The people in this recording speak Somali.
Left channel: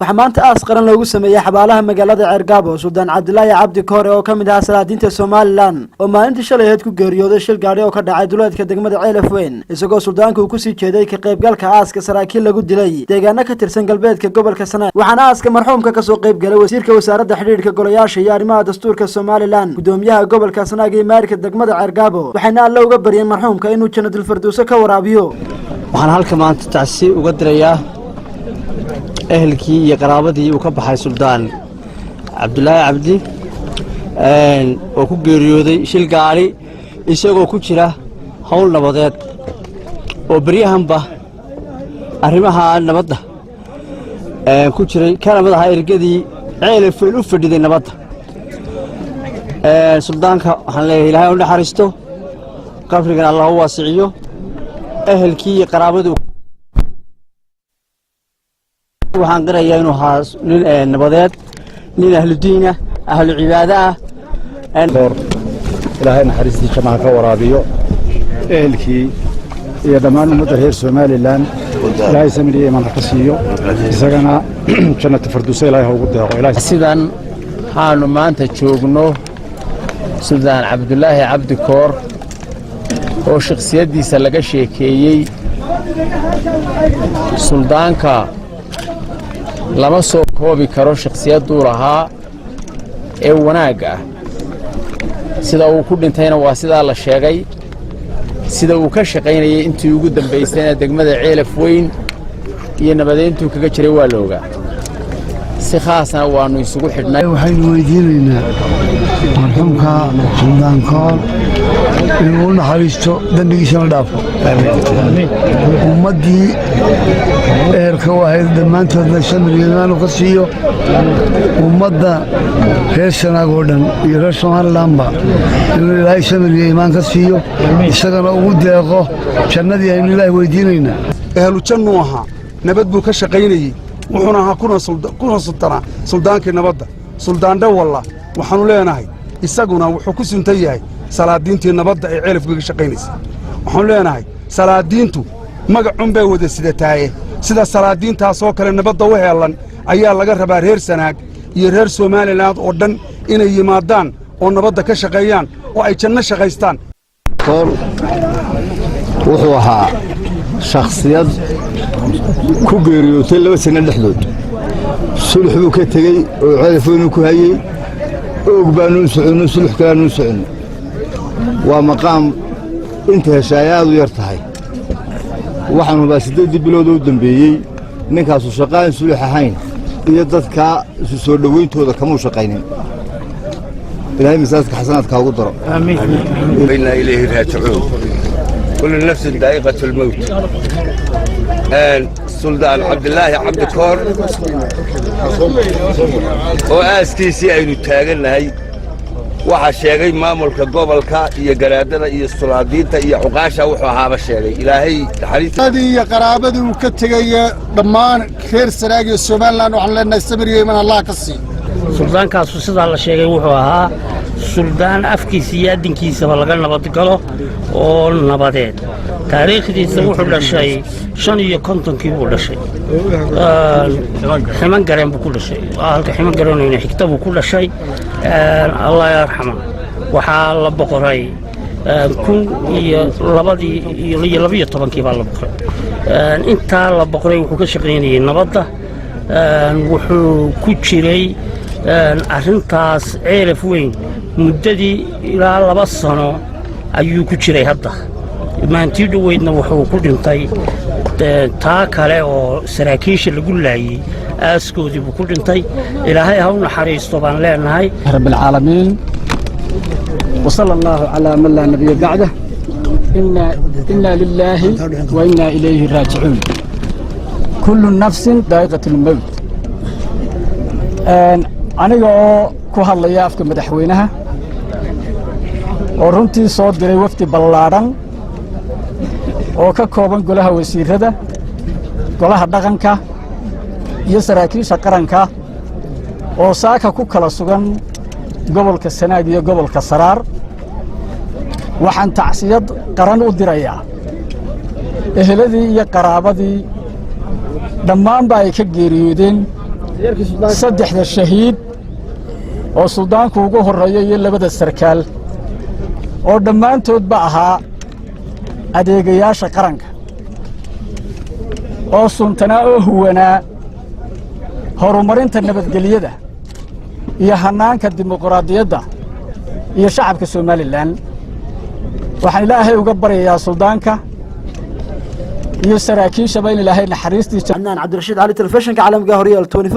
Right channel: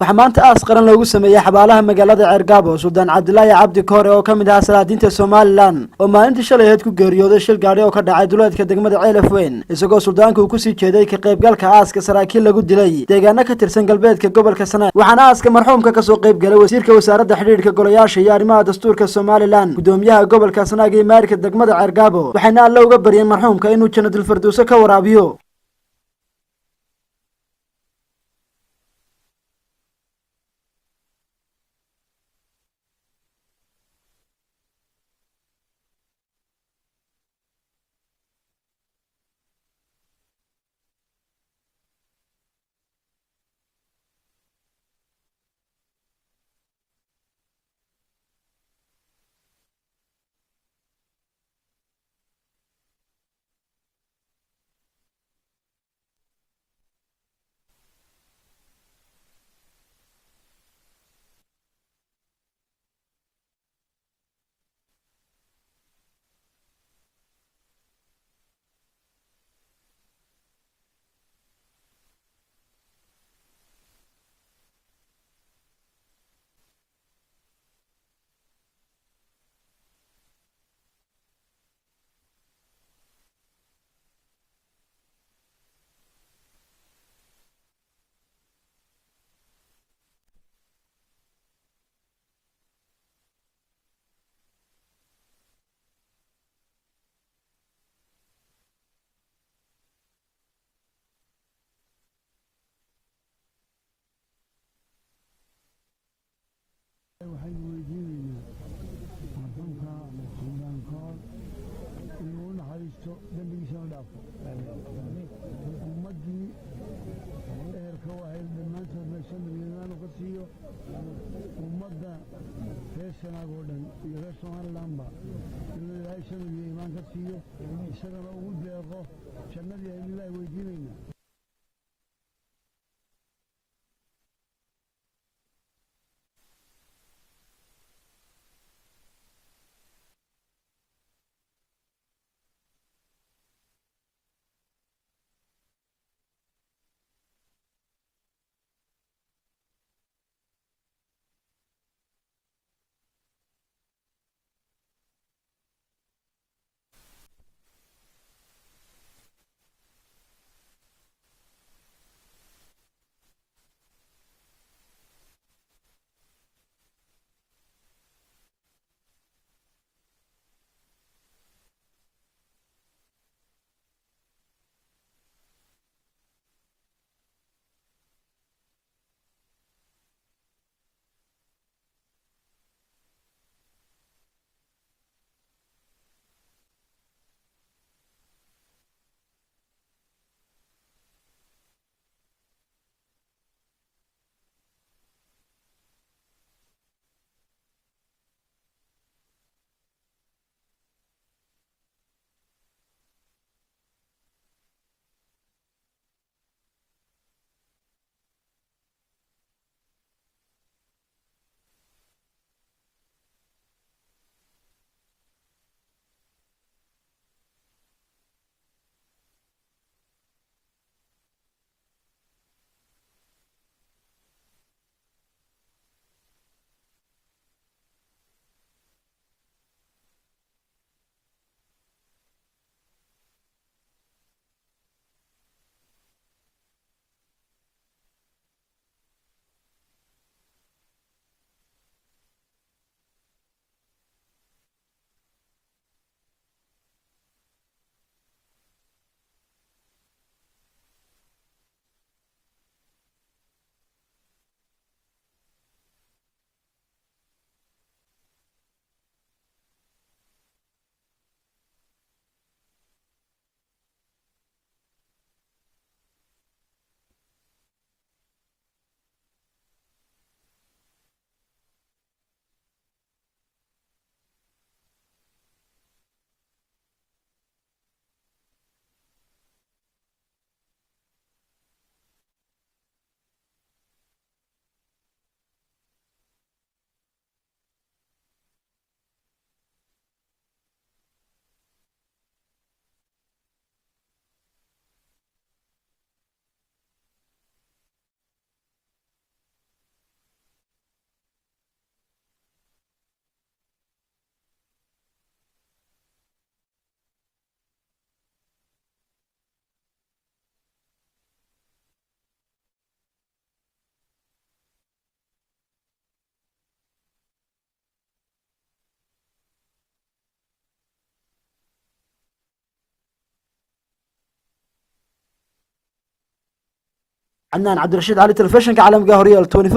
waxaa maanta aas qaran loogu sameeyay xabaalaha magaalada Ceergaabo Suldaan Cabdilaahi Cabdi Koore oo kamid ah salaadiinta Soomaaliland oo maalintii shalay ahayd ku geeriyooday shil gaari oo ka dhacay duleedka degmada Ceelafweyn isagoo suldaanku ku sii jeeday ka qaybgalka aaska saraakiil lagu dilay deegaano ka tirsan galbeedka gobolka Sanaag waxaana aaska marxuumka ka soo qayb galay wasiirka wasaaradda xiriirka golayaasha iyo arrimaha dastuurka Soomaaliland gudoomiyaha gobolka Sanaag iyo maarka degmada Ceergaabo waxayna alla uga baryeen marxuumka inuu jannatul firdaws ka waraabiyo waxaan halka maanta taasi uga dirayaa أهلكي يقرابتي وكبحي سلطان عبد الله عبدي وكجريودي شيل قاري يسوق كشرة حول نبضات وبريهم به أرمها النبضة كشرة كان نبضة هاي الجدي عيل في الأوف دي النبضة سلطان خليه إلهي ولا حرسته كفر كان الله واسعيه أهلكي يقرابته waxaan qirayaa inuu haas nin nabadeed nin ahlu diin ah ahlu cibaada ah ilaahay naxariistiisa ma ka waraabiyo ehelkii iyo dhammaan ummadda reer Soomaaliland ilaahay samiriye iman ka siiyo isagana jannatul firdaws ilaahay ugu deeqo ilaahay sidan haanu maanta joogno Suldaan Cabdilaahi Cabdi Koor oo shakhsiyadiisa laga sheekeeyay suldaanka lama soo koobi karo shakhsiyadu lahaa ee wanaag ah sida uu ku dhintayna waa sida la sheegay sida uu ka shaqeynayay intii ugu dambeysayna degmada Ceelafweyn iyo nabadeyntu kaga jiray waa looga si khaasna waanu isugu xidhnay waxaynu weydiinaynaa marxuumka Suldaan Koor inuu naxariisto dambigiisa dhaafo ummadii eerka wahayd dhammaantoodna samiriyeedaan ka siiyo ummadda reer Sanaag oo dhan iyo reer Soomaalilandba inuu ilaahay samiriye imaan ka siiyo isagana ugu deeqo jannadii aynu ilaahay weydiinaynaa ahlu jannu aha nabad buu ka shaqeynayay wuxuuna ahaa kuna sultana suldaankii nabadda suldaan dhawalla waxaanu leenahay isaguna wuxuu ku suntan yahay salaadiintii nabadda ee Ceelafweyn ka shaqeynaysa waxaanu leenahay salaadiintu magacun bay wada sidataaye sida salaadiintaas oo kale nabadda u heelan ayaa laga rabaa reer Sanaag iyo reer Soomaaliland oo dhan inay yimaadaan oo nabadda ka shaqeeyaan oo ay janno shaqaystaan koor wuxuu ahaa shakhsiyad ku geeriyootay 2 sano dhexdood sulx buu ka tagay oo Ceelafweyn ku hayay oo baanu socon sulx kale socon waa maqaam inta heshaayadu yar tahay waxaanu baa 8 bilood oo dambeeyay ninkaas uu shaqaan sulx ahayn iyo dadka soo dhaweyntooda kama shaqaynin ilaahay miisaanka xasanaadka ugu daro amiin inna ilayhi raaji'uun kullu nafsin daa'iqatul mawt Suldaan Cabdilaahi Cabdi Koor oo aaskiisii aynu taaganahay waxa sheegay maamulka gobolka iyo garaadada iyo sulaadiinta iyo xuqaasha wuxuu ahaaba sheegay ilaahay taxariisadii iyo qaraabadii uu ka tagay dhammaan reer Sanaag iyo Soomaaliland waxaan leenahay samiriye iman Allah ka sii suldaankaas sida la sheegay wuxuu ahaa suldaan afkiisa iyo adinkiisa laga nabad galo oo nabadeed taariikhdiisa wuxuu dhashay 55 buu dhashay ximan gareen buu ku dhashay halka ximan gareenayna xigta buu ku dhashay Allah yarxamo waxa la boqoray kun iyo 12 baa la boqoray inta la boqoray wuxuu ka shaqeynayay nabadda wuxuu ku jiray arrintaas Ceelafweyn muddadii ilaa 2 sano ayuu ku jiray hadda maantii dhaweydna wuxuu ku dhintay taa kale oo saraakiisha lagu laayay aaskoodii buu ku dhintay ilaahay ha u naxariisto baan leenahay rabbil caalamiin وصلى الله على من لا نبي بعده إنا لله وإنا إليه راجعون كل نفس ذائقة الموت aniga oo ku hadlaya afka madaxweynaha oo runtii soo diray wafdi ballaaran oo ka kooban golaha wasiirada golaha dhaqanka iyo saraakiisha qaranka oo saaka ku kala sugan gobolka Sanaag iyo gobolka Saraar waxaan tacsiyad qaran u dirayaa eheladii iyo qaraabadii dhammaan baa ay ka geeriyoodeen saddexda shahiid oo suldaanku ugu horreeya iyo labada sarkaal oo dhammaantoodba ahaa adeegayaasha qaranka oo suntanaa oo huwanaa horumarinta nabadgelyada iyo hannaanka dimuqraadiyadda iyo shacabka somalilan waxaan ilaahay uga baryayaa suldaanka iyo saraakiishaba in ilaahay naxariistiisa cabdirashiid cali telefishinka caalamka horyaal 24